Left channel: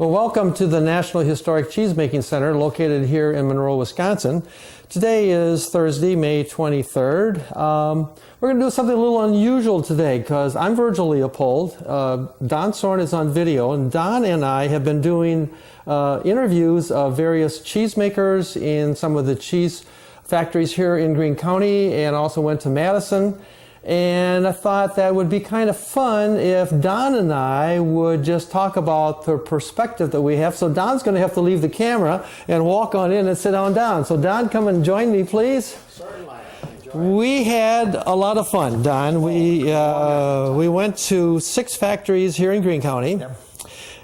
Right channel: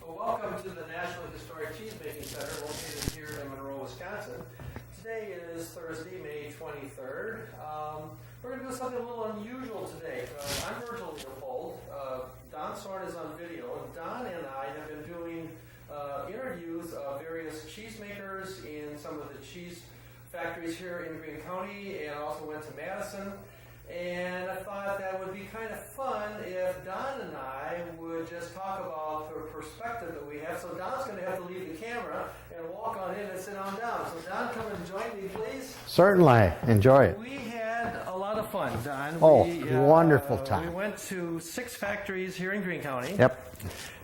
Well, welcome to the National Historic Cheesemaking Center located here in Monroe, Wisconsin. Today is Thursday, May 23rd. We're going to do something a little unusual today because I'm Virgil Leopold. Don Sorn is on video, and Don and I have been doing interviews of various cheesemakers in some of the cheese factories here in Greene County, and also went to Madison. And I thought that would be kind of fun if Don and I would just talk about the perspective that we have. So Don's going to have to leave the camera and walk on in and sit down. So Don, come and join me, please. Certainly. Enjoy it. We had a lot of fun, Don. Wonderful time. We went to 6 factories here in Greene County. Yep.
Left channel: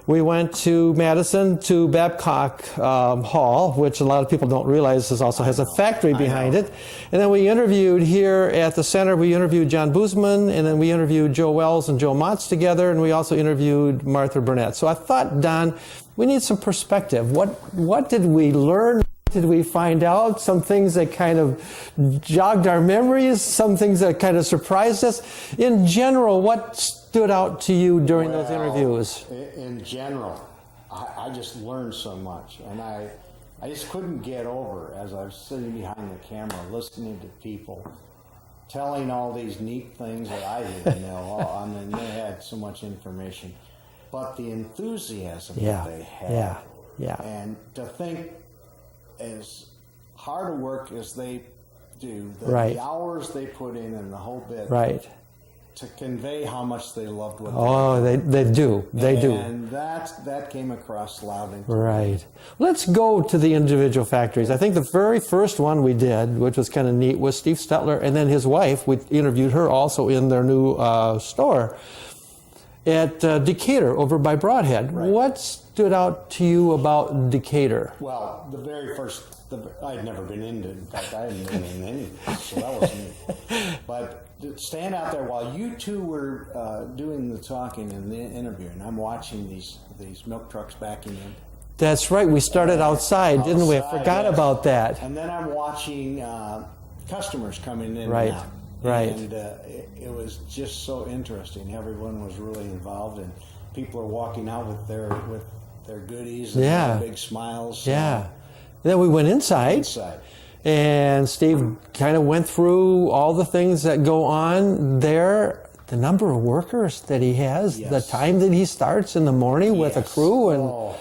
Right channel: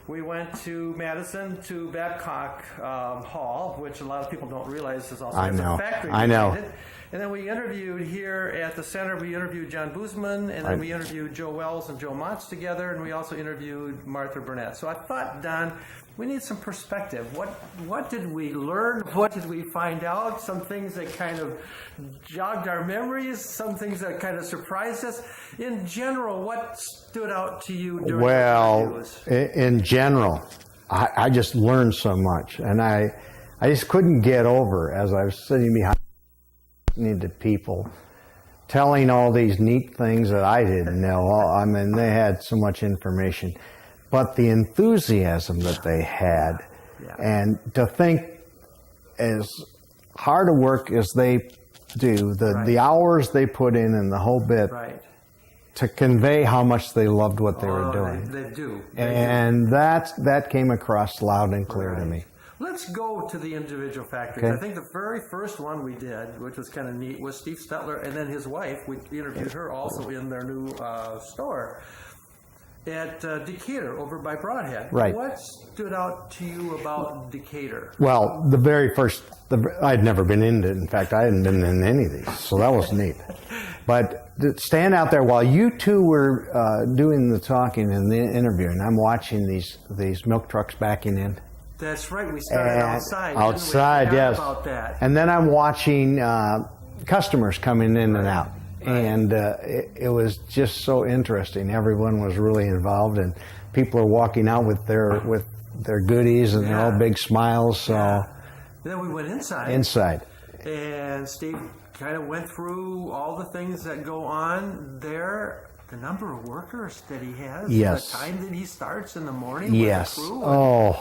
We went to Madison to Babcock Hall, which a lot of people don't realize also has a factory behind it. And then we interviewed here at the center, we interviewed John Boozman, and then we interviewed Joe Wells and Joe Motz together, and we also interviewed Martha Burnett. So I thought, Don, we need some perspective. What did we learn? What did we find out? Some things that kind of jogged our memories, some things that kind of surprised us. In general, what stood out to you during those interviews? In general, I just learned so much, and I just couldn't get over, as I was sitting behind the camera listening to people telling all these neat things that I didn't know. I mean, they had so much information, but the enthusiasm that they had, and to think as hard a work as they do, the hours they put in and the whole bit, to convey how much they loved what they were doing. They do. And that came across loud and clear to me. Let's go to the individual factories. I think the very first one we did, which was kind of neat, was Steve Stetler, and then his wife. We interviewed her also in their new store at Decatur over by Broadhead. What stood out to you about Decatur? Well, the very first, I'd never been in it. In fact, I hadn't been in any of these, so that was neat. But to stand out there while you two were doing the talking and the interviewing, I'm watching these milk trucks backing in. That's right. We started outside, didn't we? Forgot about that. And then I'm watching customers coming in and out. And it was just so interesting. Everyone was really involved, and people are walking out with their goodies and all big smiles. So. Then we went inside. And Steve kind of went through all the things that go on there, the number of workers that he has, the time that he starts in the morning with a crew.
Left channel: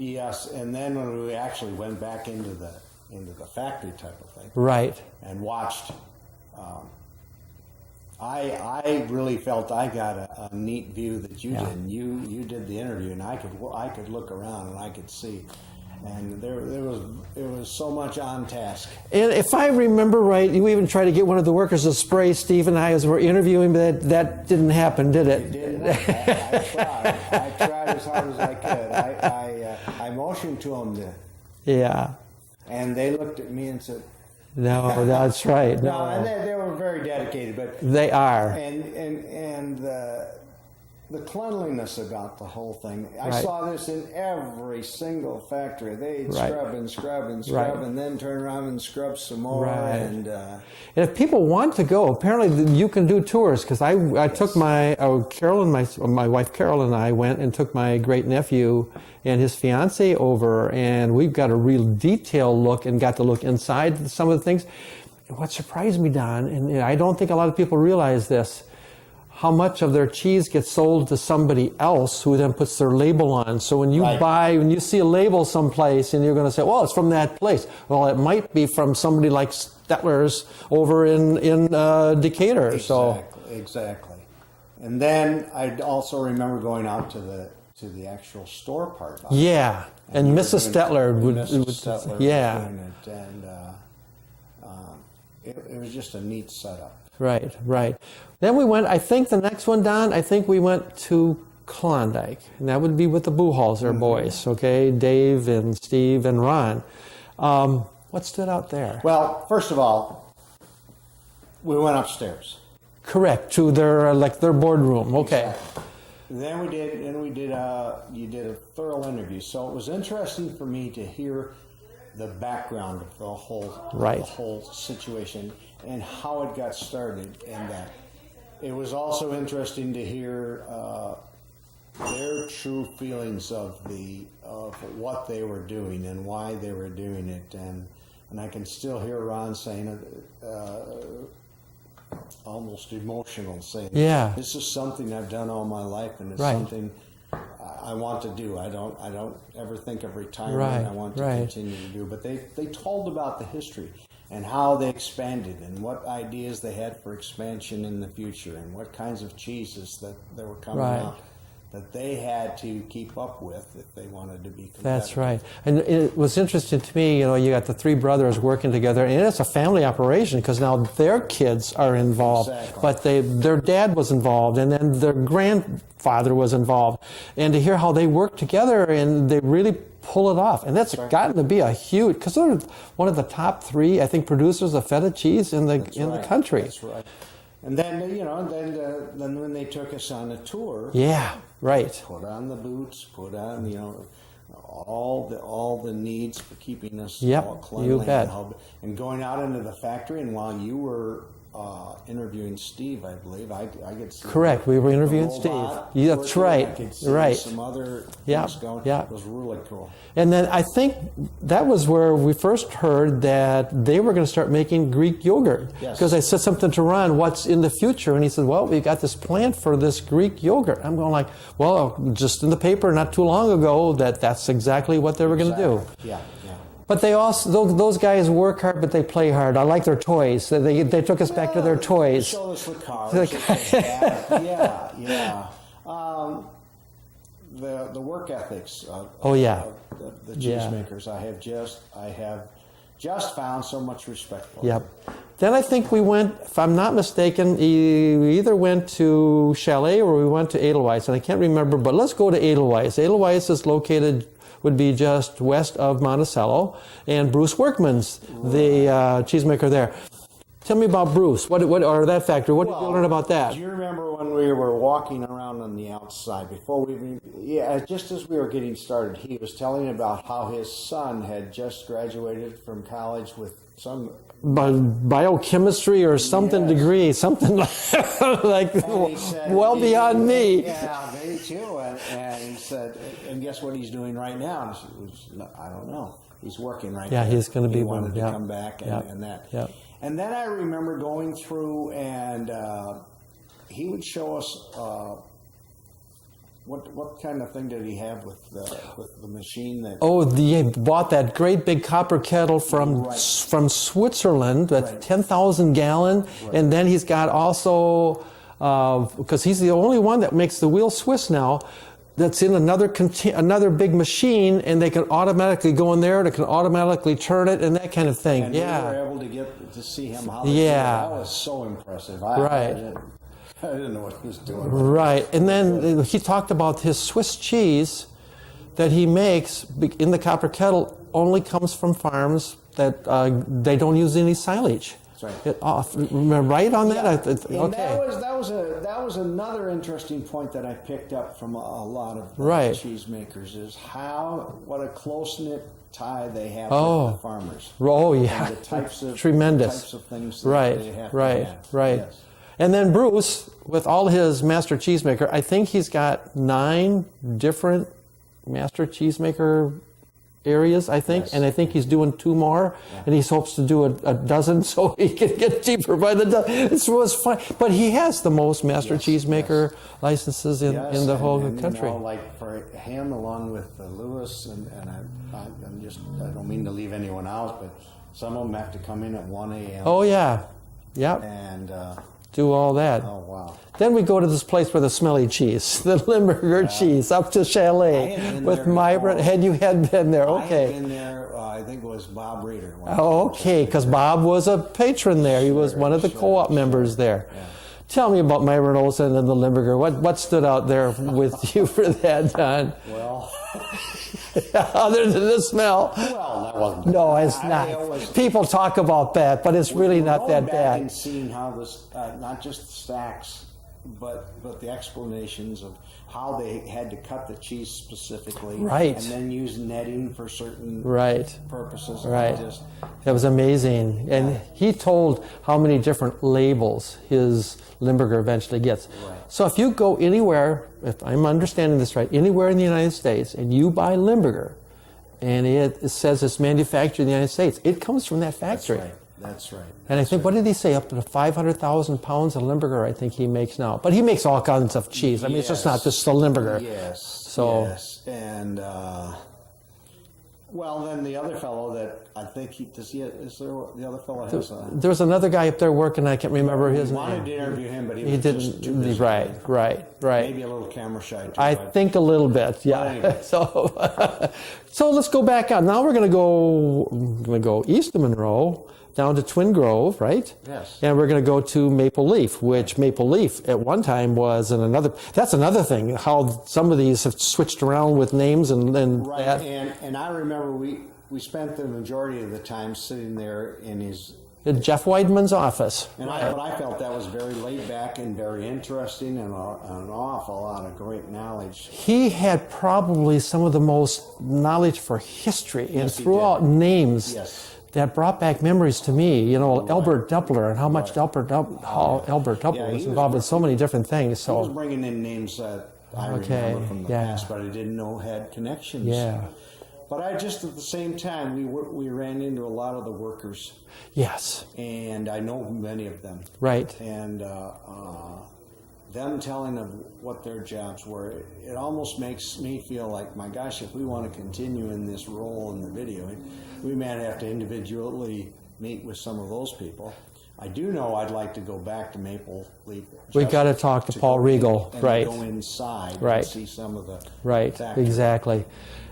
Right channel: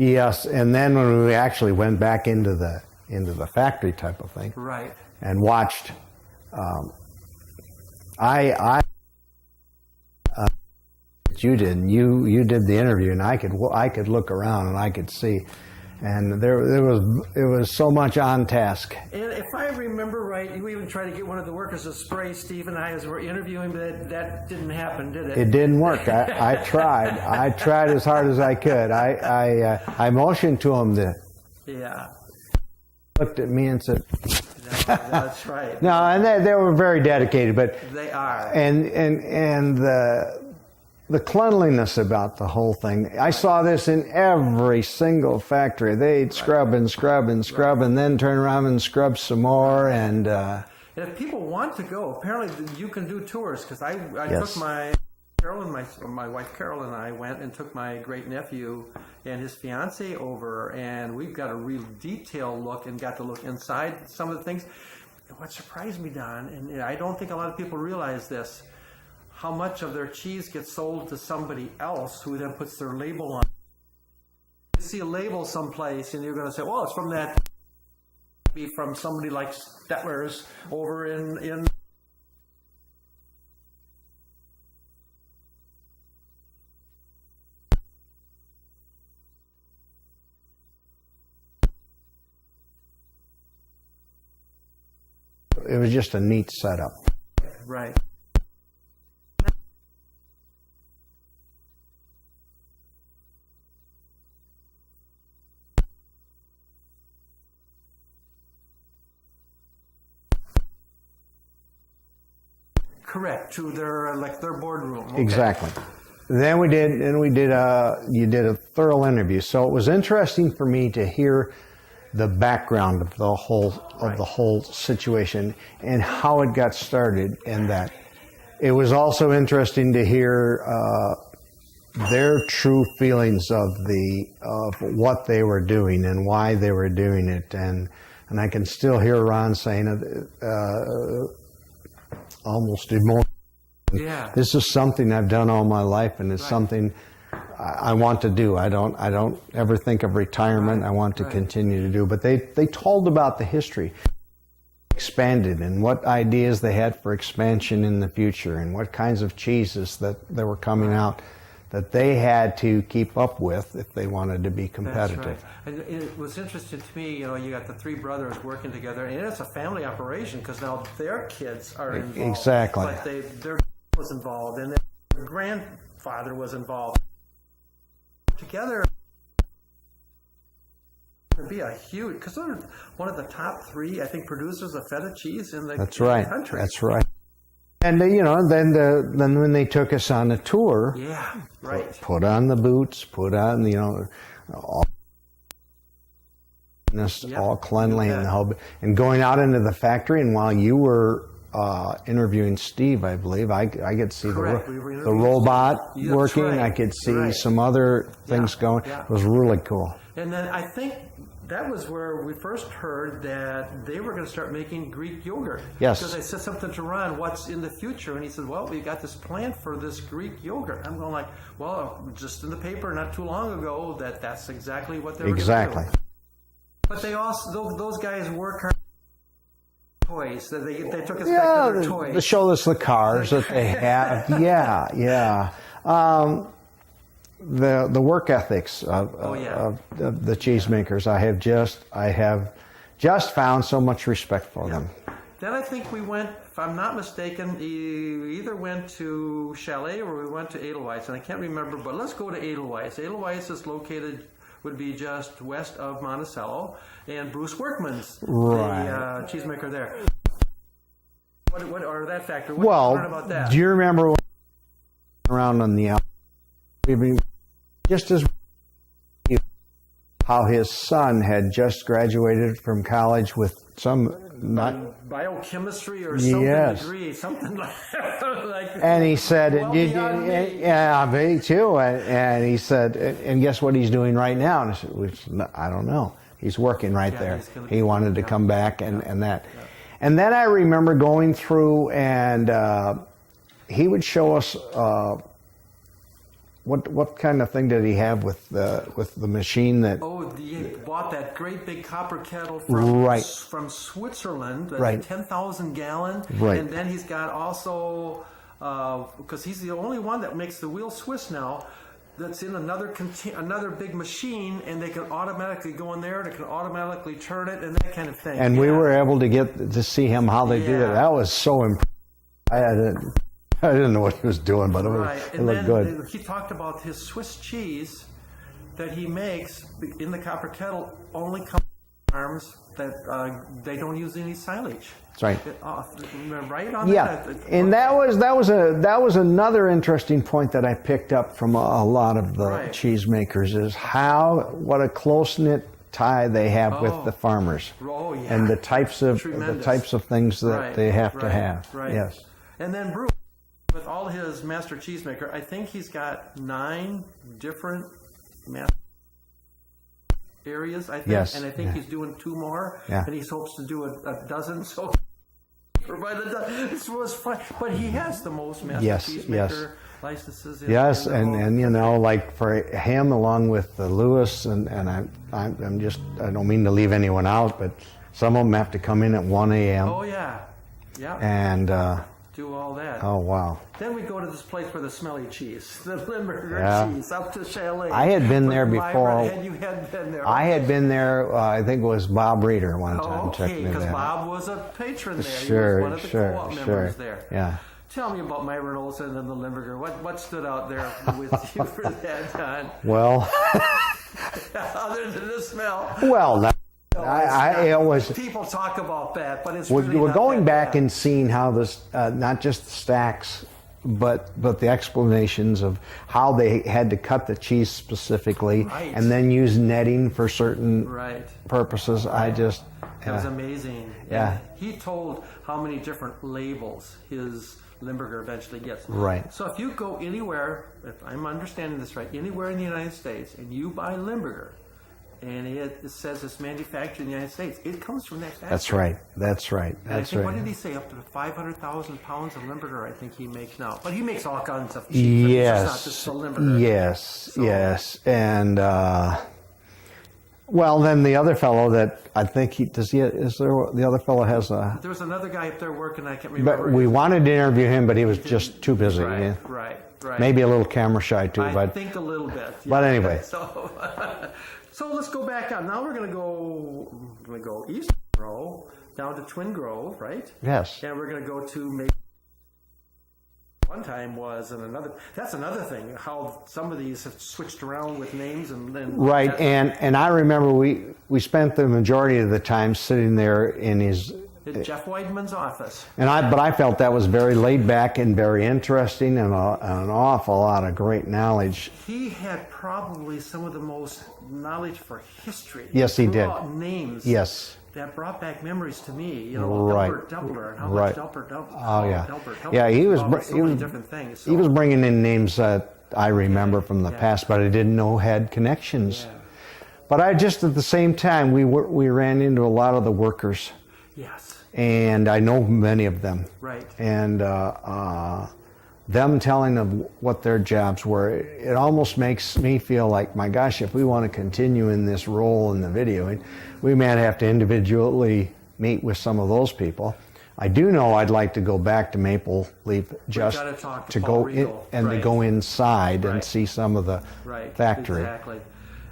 Yes, and then when we actually went back into the factory type of thing, and watched, I really felt I got a neat view that you did. And you did the interview, and I could look around and I could see, and it was so much on task. And if I remember right, you even tried to get one of the workers to spray Steve and I as we're interviewing, but that didn't happen, did it? It didn't work. I tried. I tried as hard as I could. I motioned to them to. Yeah. And they looked at me and said, "No, that's right." No, and they were very dedicated, but they are. And the cleanliness about the whole thing. I saw this in every single factory. They'd scrub and scrub and scrub, and then turn around and scrub some more. And if people want to go, apparently you can do tours, because I took my my wife Carol and I went and took my great nephew and his fiance over, and we've got a real detailed look and got to look inside some of the things. And what surprised me, Don, and I don't think a lot of people realize this, how much of their cheese gets sold to somebody else who then puts their label on. So when you when you see a label someplace and you're going to say, well, it's from that place. Well, it might be from somebody like Stetler's over in Decatur. Exactly. And then I also remember going out to the actual store part. And Mrs. Stetler would it was just a neat setup. Right. Then we went, I think the next one, Don, I think we went to Klondike. And that would be with the Buchholzer boys, okay? Dave and Steve and Ron. What stood out there? Well, first of all, we went upstairs. Correct, to their boardroom. Okay. Exactly. Then you did a thorough interview. So it was interesting for me to hear the background of the whole situation and how it got started, and that it was also interesting to hear their true feelings of what they were doing and why they were doing it, and I can still hear Ron saying it, almost emotional, saying, Yeah. this is something I've done all my life, and it's something I want to do. I don't ever think of retirement. I want to continue to do. But they told about the history and how they expanded and what ideas they had for expansion in the future and what kinds of cheeses that were coming out that they had to keep up with if they wanted to be competitive. That's right. And it was interesting to me, you got the three brothers working together, and it's a family operation because now their kids are involved. Exactly. But their dad was involved, and then their grandfather was involved. And to hear how they work together and they really pull it off. And that's gotten to be a huge, because they're one of the top three, I think, producers of feta cheese in the country. That's right. And then, then when they took us on a tour. Yeah. Right. Put on the boots, put on, all the needs for keeping us all cleanly and going out into the factory. And while you were interviewing Steve, I believe, I could see we were interviewing the robot Steve. working. Right. I could see some other things going. Yeah. It was really cool. And then I think that was where we first heard that they were going to start making Greek yogurt. Yes. Because I said something to Ron, what's in the future? And he said, well, we got this plant for this Greek yogurt. I'm going like, well, just in the paper not too long ago that's exactly what they were going to do. Yeah. But they also, those guys work hard, but they play hard. I like their toys. They took us back to their toys. They showed us the cars that they have. Yeah. The work ethics of the cheesemakers, I have just found so much respect for them. Then I think we went, if I'm not mistaken, we either went to Chalet or we went to Edelweiss, and I can't remember, but let's go to Edelweiss. Edelweiss is located, would be just west of Monticello, and Bruce Workman's the cheesemaker there. Tell me about Bruce. What or that factory? What did you learn about that? Do you remember when we were walking around on the outside just as we were getting started, he was telling about how his son had just graduated from college with some biochemistry or something degree, something like and he said, beyond me. Yeah, me too. And he said, and guess what he's doing right now? And I said, I don't know. He's working there. He's going to be. He wanted to come back and that. Yeah. And then I remember going through, and he would show us what kind of thing did he have with the machine that? Oh, he bought that great big copper kettle from Switzerland, that's 10,000 gallon, and then he's got also because he's the only one that makes the wheel Swiss now. That's in another big machine, and they can automatically go in there, and it can automatically turn it, and that kind of thing. And we were able to get to see him how they did it. That was so impressive. I didn't know what he was doing, but and then he talked about his Swiss cheese that he makes in the copper kettle only comes from farms that they don't use any silage. That's right. Right on that. Yeah. And that was another interesting point that I picked up from a lot of the cheesemakers is what a close-knit tie they have with the farmers. Oh yeah. And the types of things that they have to have. Right. Yes. And then Bruce, with all his master cheesemaker, I think he's got 9 different master cheesemaker areas, I think, and I think he's doing 2 more, and he hopes to do a dozen so he can get cheaper by the dozen. It was fine, but he has the most master cheesemaker licenses in the whole country. You know, like for him, along with Lewis, and I'm just, I don't mean to leave anyone out, but some of them have to come in at 1 a.m. Oh yeah, and do all that. Oh wow. Then we go to this place with the smelly cheese, the Limburger cheese, up to Chalet. I had been there before. You had been there. Okay. I had been there, I think it was Bob Reeder one time. Oh, okay, because Bob was a patron there. He was one of the co-op members there. Yeah. Tell me about Myron Olson and the Limburger. What stood out there with you for that, Don? Well, other than the smell. Well, that wasn't. No, it's not. It was, people talk about that, but it's really not that bad. We're going back and seeing how this, not just the stacks, but the explanations of how they had to cut the cheese specifically, and then use netting for certain purposes. It was amazing, and he told how many different labels his Limburger eventually gets. Right. So if you go anywhere, if I'm understanding this right, anywhere in the United States, and you buy Limburger, and it says it's manufactured in the United States, it comes from that factory. That's right. That's right. And I think, what did he say? Up to 500,000 pounds of Limburger, I think he makes now. But he makes all kinds of cheese. I mean, it's just not just the Limburger. Yes, So- yes. And, well, then the other fellow that I think the other fellow has a... There's another guy up there working, I can't remember. We his wanted name. to interview him, but he was didn't- just too busy. Right. Maybe a little camera shy too. I but think a little bit. Yeah. But anyway. So let's go back out. Now we're going to go east of Monroe, down to Twin Grove, right? Yes. And we're going to go to Maple Leaf, which Maple Leaf at one time was in another. That's another thing, how some of these have switched around with names and right. that- And I remember we spent the majority of the time sitting there in his... Jeff Weidman's office. But I felt that was very laid back and very interesting and an awful lot of great knowledge. He had probably some of the most knowledge for history. Yes, he threw did. out names. Yes. That brought back memories to me. You know, Right. Albert Doppler and how much Right. Albert Yeah. Doppler he was was involved in br- so he many was- different things. So. He was bringing in names that I remember from the yeah. past, but I didn't know had connections. Yeah. But I just at the same time we ran into a lot of the workers, Yes. and I know many of them. Right. And them telling them what their jobs were, it almost makes me feel like, my gosh, if we want to continue in this role in the video, we might have to individually meet with some of those people. I do know I'd like to go back to Maple Leaf. We've got to talk to Paul Regal. And right. to go inside Right. and see some of the Right. factory. Exactly.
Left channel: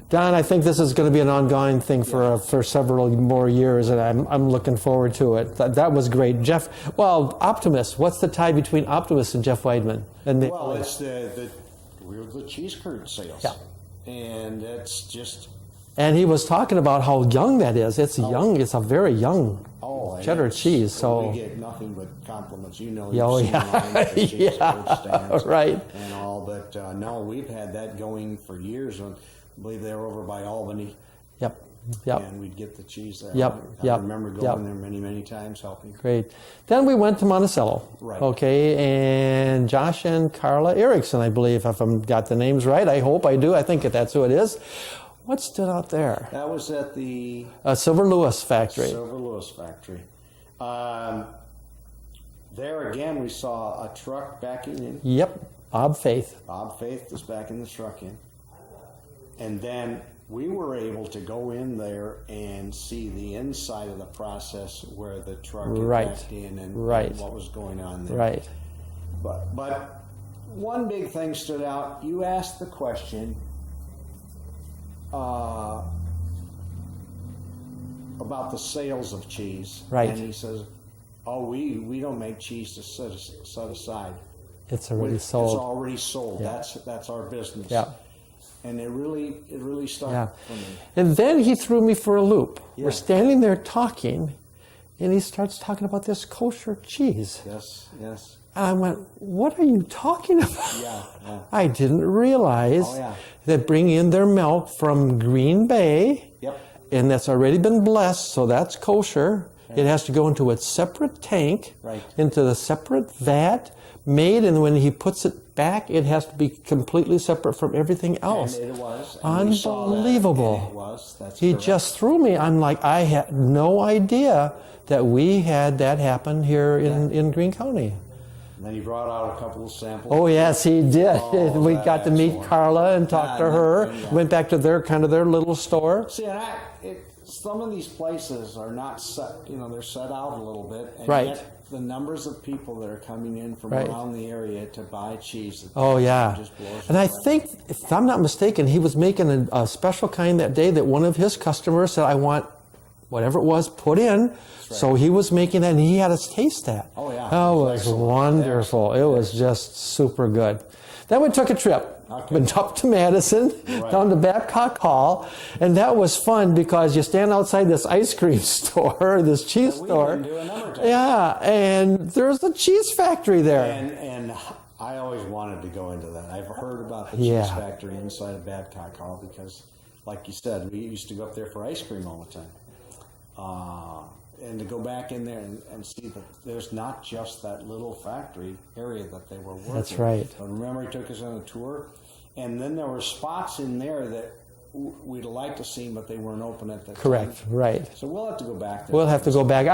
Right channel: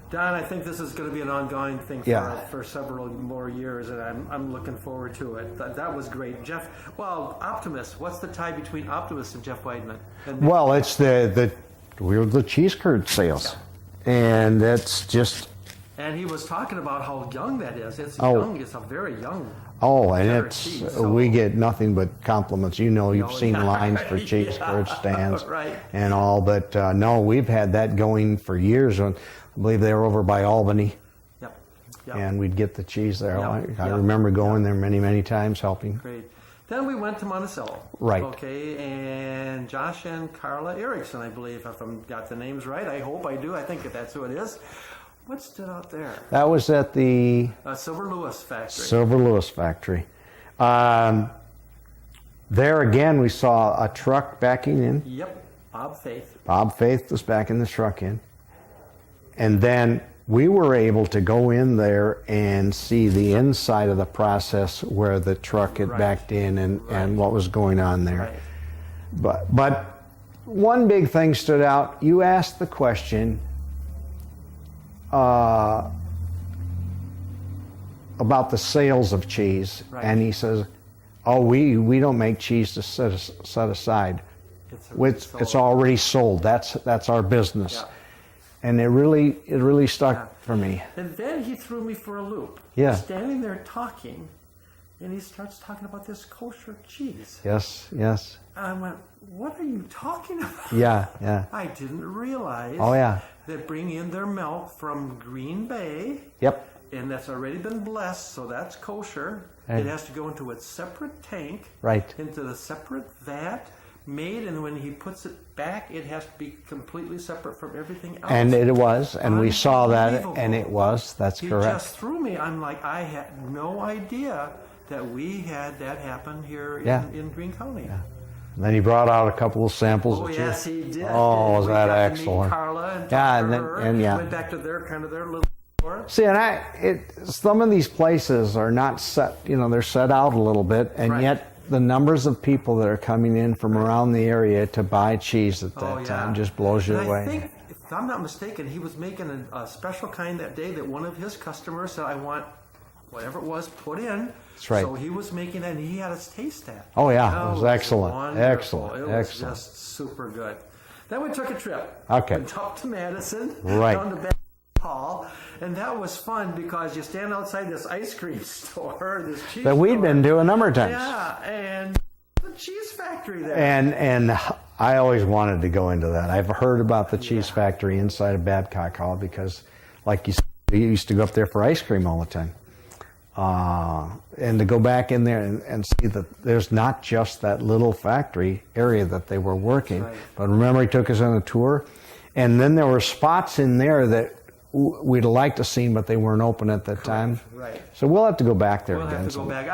Don, I think this is going to be an ongoing thing Yeah. for several more years, and I'm looking forward to it. That was great. Jeff, well, Optimus, what's the tie between Optimus and Jeff Weidman? And Well, it's we're the cheese curd sales. Yeah. And that's just... And he was talking about how young that is. It's young. It's a very young and cheddar it's, cheese. So. we get nothing but compliments. You know, you've seen lines for cheese curd stands right. and all. But no, we've had that going for years. I believe they were over by Albany. Yep. Yep. And we'd get the cheese there. Yep. I remember going there many, many times helping. Great. Then we went to Monticello. Right. Okay, and Josh and Carla Erickson, I believe, if I've got the names right. I hope I do. I think that's who it is. What stood out there? That was at the Silver Lewis factory. Silver Lewis factory. There again, we saw a truck backing in. Yep. Bob Faith. Bob Faith was backing the truck in. And then we were able to go in there and see the inside of the process where the truck had Right. backed in and Right. what was going on there. Right. But one big thing stood out. You asked the question about the sales of cheese. Right. And he says, oh, we don't make cheese to set aside. It's already sold. It's already sold. That's our business. Yeah. And it really stuck Yeah. for me. And then he threw me for a loop. Yeah. We're standing there talking, and he starts talking about this kosher cheese. Yes, yes. And I went, what are you talking about? Yeah, yeah. I didn't realize Oh, yeah. that bringing in their milk from Green Bay, Yep. and that's already been blessed, so that's kosher. Yeah. It has to go into a separate tank, Right. into the separate vat, made, and when he puts it back, it has to be completely separate from everything else. And it was, and we saw that, and Unbelievable. it was. That's He correct. just threw me. I'm like, I had no idea that we had that happen here in Greene County. Then he brought out a couple of samples. Oh of yes, he did. Oh, was we that got to meet excellent. Carla and talk Yeah, to and her. then- and yeah. Went back to their little store. See, and some of these places are not set. They're set out a little bit, and Right. yet the numbers of people that are coming in from Right. around the area to buy cheese at that Oh yeah, time just blows you and away. I think, if I'm not mistaken, he was making a special kind that day that one of his customers said, "I want whatever it was put in." That's right. So he was making that, and he had us taste that. Oh, yeah. Oh, It was it was excellent. wonderful. Excellent. It was Excellent. just super good. Then we took a trip. Okay. Went up to Madison, Right. down to Babcock Hall, and that was fun because you stand outside this ice cream store, this cheese That we've store. been to a number of times. Yeah, and there's a cheese factory there. And I always wanted to go into that. I've heard about the cheese Yeah. factory inside of Babcock Hall because, like you said, we used to go up there for ice cream all the time. and to go back in there and see that there's not just that little factory area that they were working. That's right. But remember, he took us on a tour, and then there were spots in there that we'd like to see, but they weren't open at that time. Right. So we'll have to go back there. We'll have to go back.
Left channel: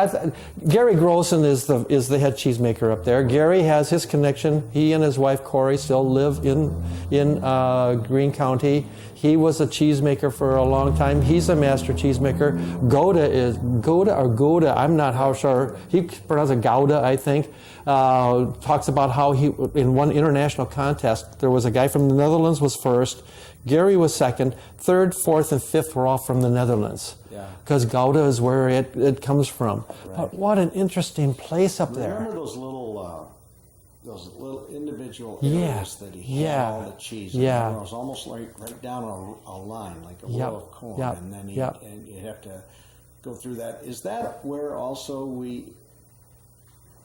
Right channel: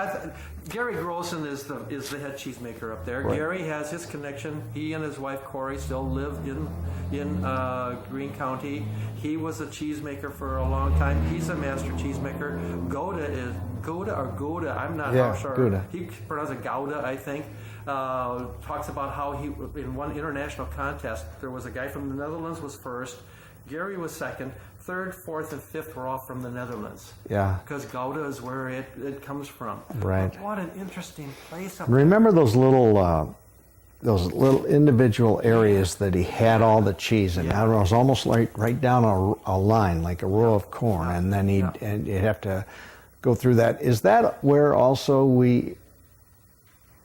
Gary Grossen is the head cheesemaker up there. Right. Gary has his connection. He and his wife Corey still live in Greene County. He was a cheesemaker for a long time. He's a master cheesemaker. Gouda. I'm not how sure. Gouda. He pronounced it Gouda, I think. Talks about how he, in one international contest, there was a guy from the Netherlands was first. Gary was second. Third, fourth, and fifth were all from the Netherlands. Yeah. Because Gouda is where it comes from. Right. But what an interesting place up there. Remember those little individual areas that he had all the cheese, and it was almost like right down a line, like a row of corn, and then you'd have to go through that. Is that where also we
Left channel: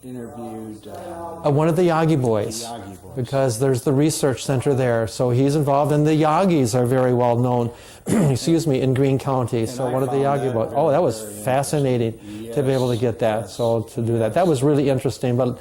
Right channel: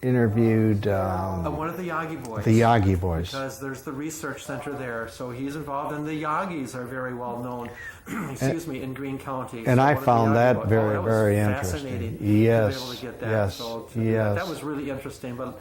interviewed one of the Yagi boys? The Yagi boys. Because there's the research center there, so he's involved, and the Yagis are very well known, in Greene County. And so I one found of the that boys. very, that was very fascinating to be able to get that. So to do that was really interesting. But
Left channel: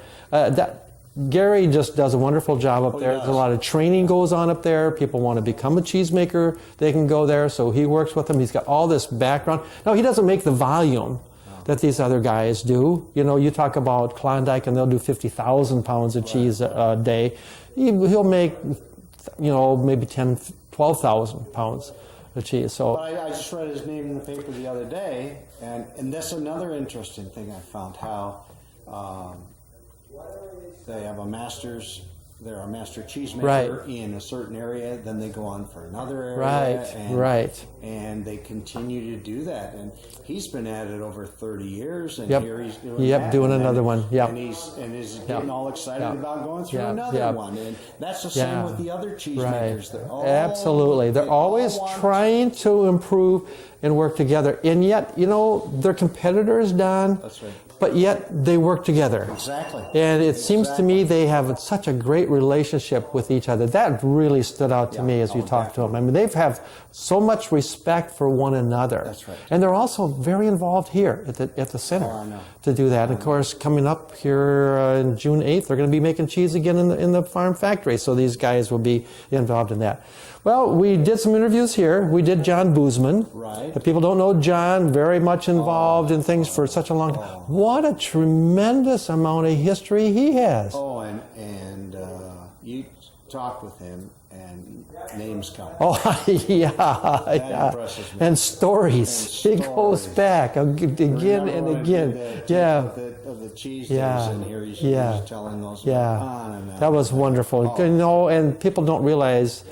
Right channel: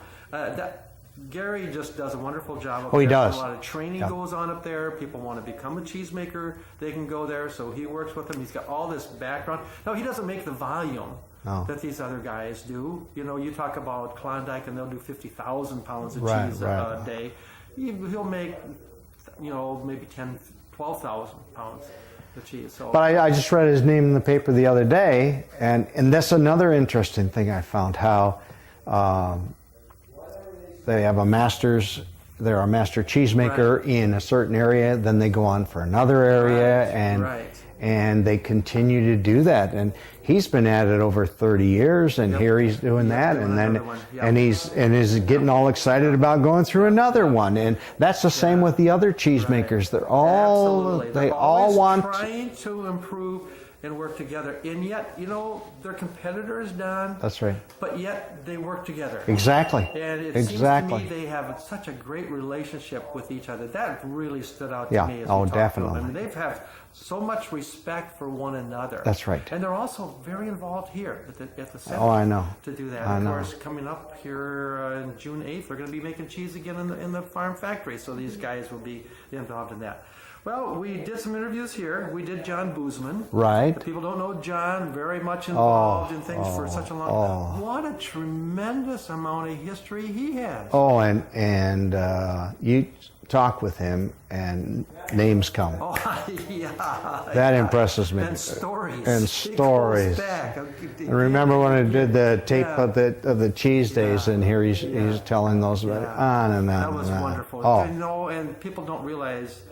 Gary just does a wonderful job up there. He does. A lot of training goes on up there. People want to become a cheesemaker, they can go there. So he works with them. He's got all this background. No, he doesn't make the volume that these other guys do. You know, you talk about Klondike and they'll do 50,000 pounds of cheese a day. He'll make, maybe 10,000, 12,000 pounds of cheese. So, but I just read his name in the paper the other day, and that's another interesting thing I found, how they have a master's. They're a master cheesemaker in a certain area, then they go on for another area, and they continue to do that. And he's been at it over 30 years, and here he's doing that. Doing another one. And he's getting all excited about going through another one. And that's the same with the other cheesemakers. They're all absolutely. They're always want trying to improve and work together. And yet, they're competitors, Don. That's right. But yet they work together. Exactly. And it seems to me they have such a great relationship with each other. That really stood out to me as we talked to them. I mean, they have so much respect for one another. That's right. And they're also very involved here at the center. Oh, I know. To do that. Of course, coming up here on June 8th, they're going to be making cheese again in the farm factory. So these guys will be involved in that. Well, we did some interviews here. We did John Boozman. Right. The people don't know John, very much involved in things for such a long time. What a tremendous amount of history he has. Oh, and you talk with him and names come. Oh, yeah. That impresses me. And stories. And stories. It goes back. Remember when I did the tape of the cheese days, and here he's telling those on and on. That was wonderful. And people don't realize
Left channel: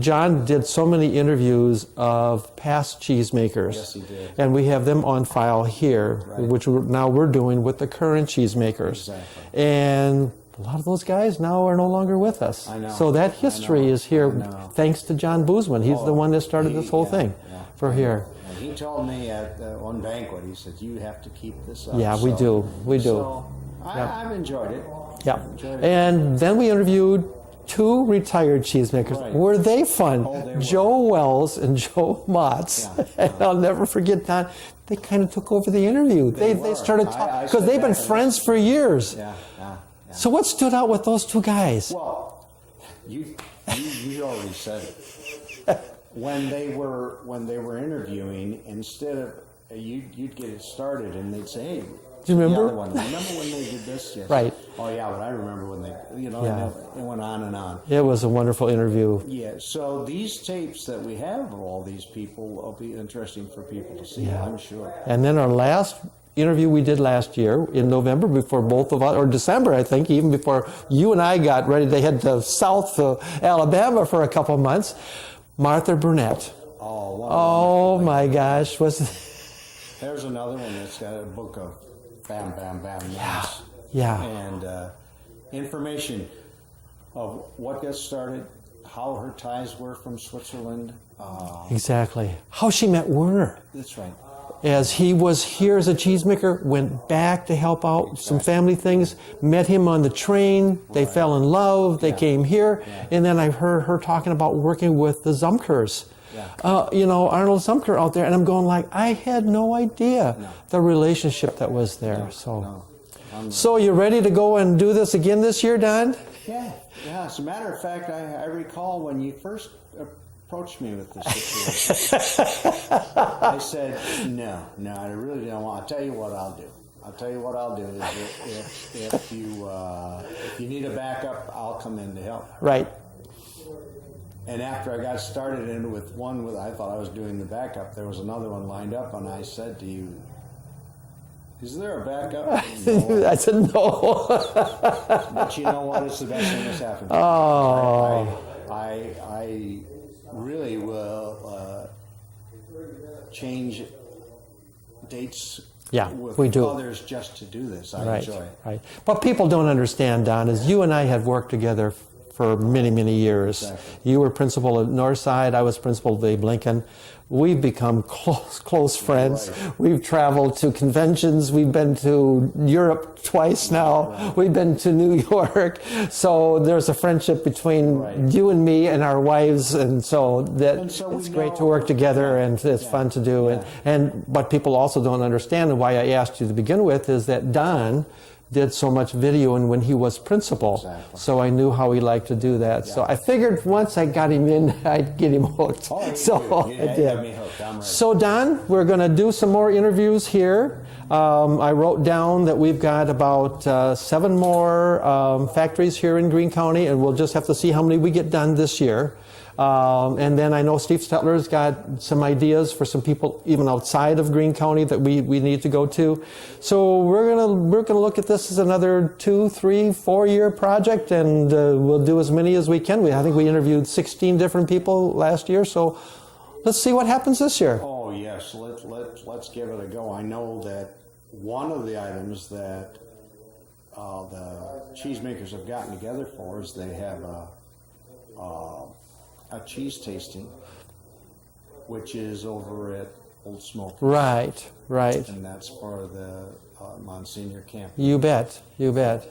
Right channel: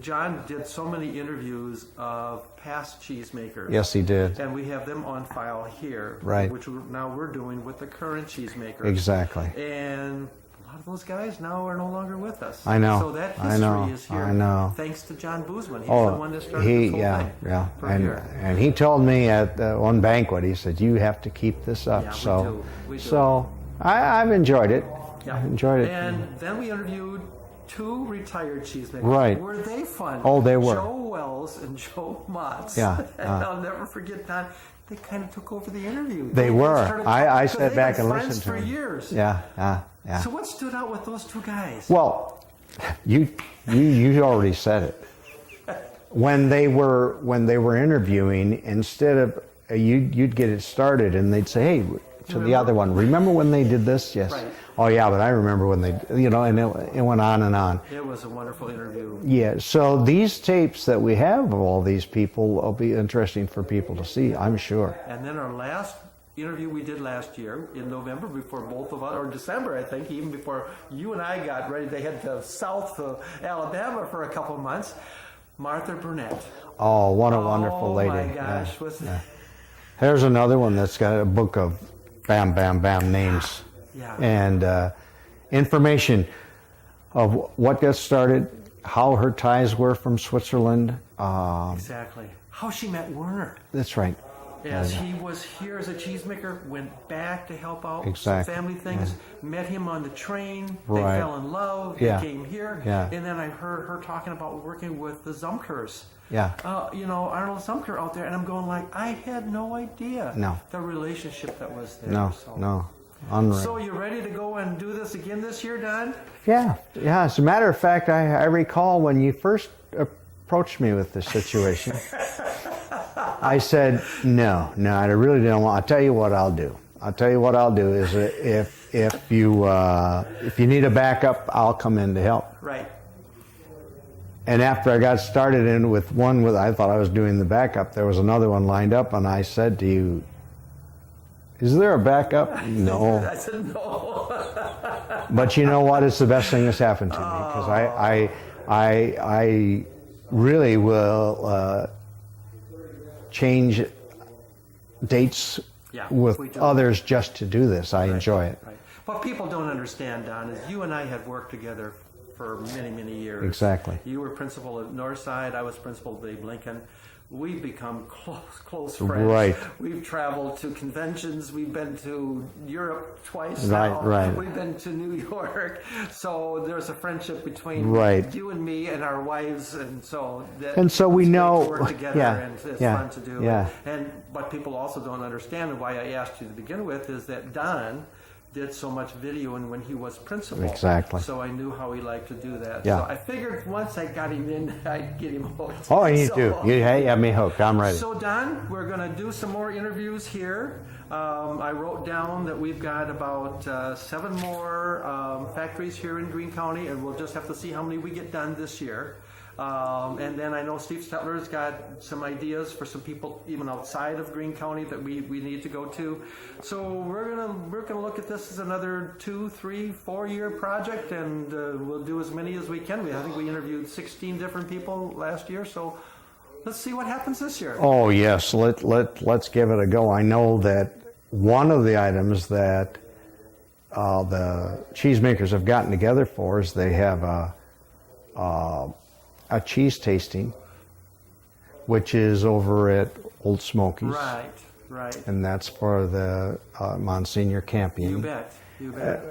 John did so many interviews of past cheesemakers. Yes, he did. And we have them on file here, which we're doing with the current cheesemakers. Exactly. And a lot of those guys now are no longer with us. I know. So that history is here thanks to John Boozman. He's the one that started this whole thing here. And he told me at one banquet, he said, you have to keep this up. Yeah, we do. So I've enjoyed it. Yeah. Enjoyed it. And then we interviewed 2 retired cheesemakers. Right. Were they fun? Oh, they were. Joe Wells and Joe Motz. Yeah. And I'll never forget that. They kind of took over the interview. They were. They started talking because they've been friends for years. Yeah. So what stood out with those 2 guys? Well, you already said it. When they were interviewing, instead of you'd get it started, and they'd say, "Hey." To the other one. Remember when they did this? Yes. Right. Oh yeah, but I remember when they, and it went on and on. It was a wonderful interview. Yeah. So these tapes that we have of all these people will be interesting for people to see, I'm sure. And then our last interview we did last year in November, before both of us, or December, I think, even before you and I got ready to head to South Alabama for a couple months, Martha Burnett. Oh, what a wonderful lady. Oh my gosh. There's another one that's got a book of bam, bam, bam names. Yeah. And information of what got started, how her ties were from Switzerland. Exactly. How she met Werner. That's right. As he was here as a cheesemaker, went back to help out some family things, met him on the train, they fell in love, they came here, and then I heard her talking about working with the Zumkers Yeah. Arnold Zumker out there, and I'm going like, I had no idea the relationship that was there. No. Unreal. So you ready to go and do this again this year, Don? Yeah. As a matter of fact, I recall when you first approached me with this situation, I said, no, I really don't want. I'll tell you what I'll do. Is if you need a backup, I'll come in to help. Right. And after I got started in with one I thought I was doing the backup, there was another one lined up, and I said to you, is there a backup? No. I said no. But you know what? It's the best thing that's happened to me. 'Cause I really will change dates with others just to do this. I enjoy it. Right. What people don't understand, Don, is you and I had worked together for many, many years. Exactly. You were principal at Northside. I was principal at Abe Lincoln. We've become close friends. Right. We've traveled to conventions. We've been to Europe twice now. Right. We've been to New York. So there's a friendship between you and me and our wives, and so we know great to work together, and it's fun to do. Yeah. And what people also don't understand, and why I asked you to begin with, is that Don did so much videoing when he was principal. Exactly. So I knew how he liked to do that. Yeah. So I figured once I got him in, I'd get him hooked. Oh, you do. You have me hooked. I'm ready. So Don, we're going to do some more interviews here. I wrote down that we've got about 7 more factories here in Greene County, and we'll just have to see how many we get done this year. And then I know Steve Stetler's got some ideas for some people even outside of Greene County that we need to go to. So we're gonna look at this as another 2, 3, 4-year project, and we'll do as many as we can. I think we interviewed 16 different people last year, so let's see what happens this year. Oh yes, let's give it a go. I know that one of the items that the cheesemakers have gotten together for is they have a cheese tasting, which is over at Old Smokies. Right. And that's for the Monsignor Campion. You bet.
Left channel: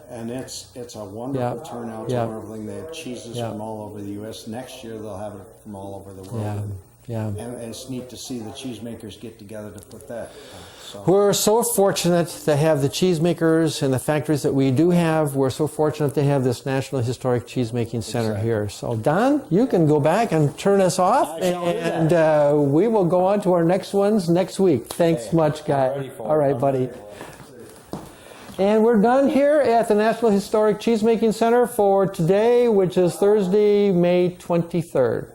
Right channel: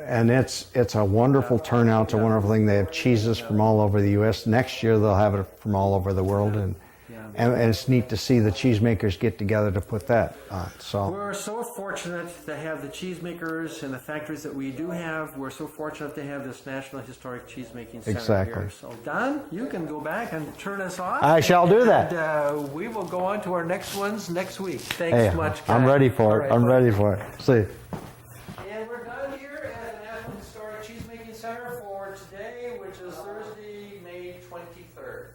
And it's a wonderful turnout. It's a wonderful thing. They have cheeses from all over the U.S. Next year they'll have it from all over the world. And it's neat to see the cheesemakers get together to put that on. So we're so fortunate to have the cheesemakers and the factories that we do have. We're so fortunate to have this National Historic Cheesemaking Center here. So Don, you can go back and turn us off. I shall do that. And we will go on to our next ones next week. Thanks much, guys. I'm ready for it. I'm ready for it. See. And we're done here at the National Historic Cheesemaking Center for today, which is Thursday, May 23rd.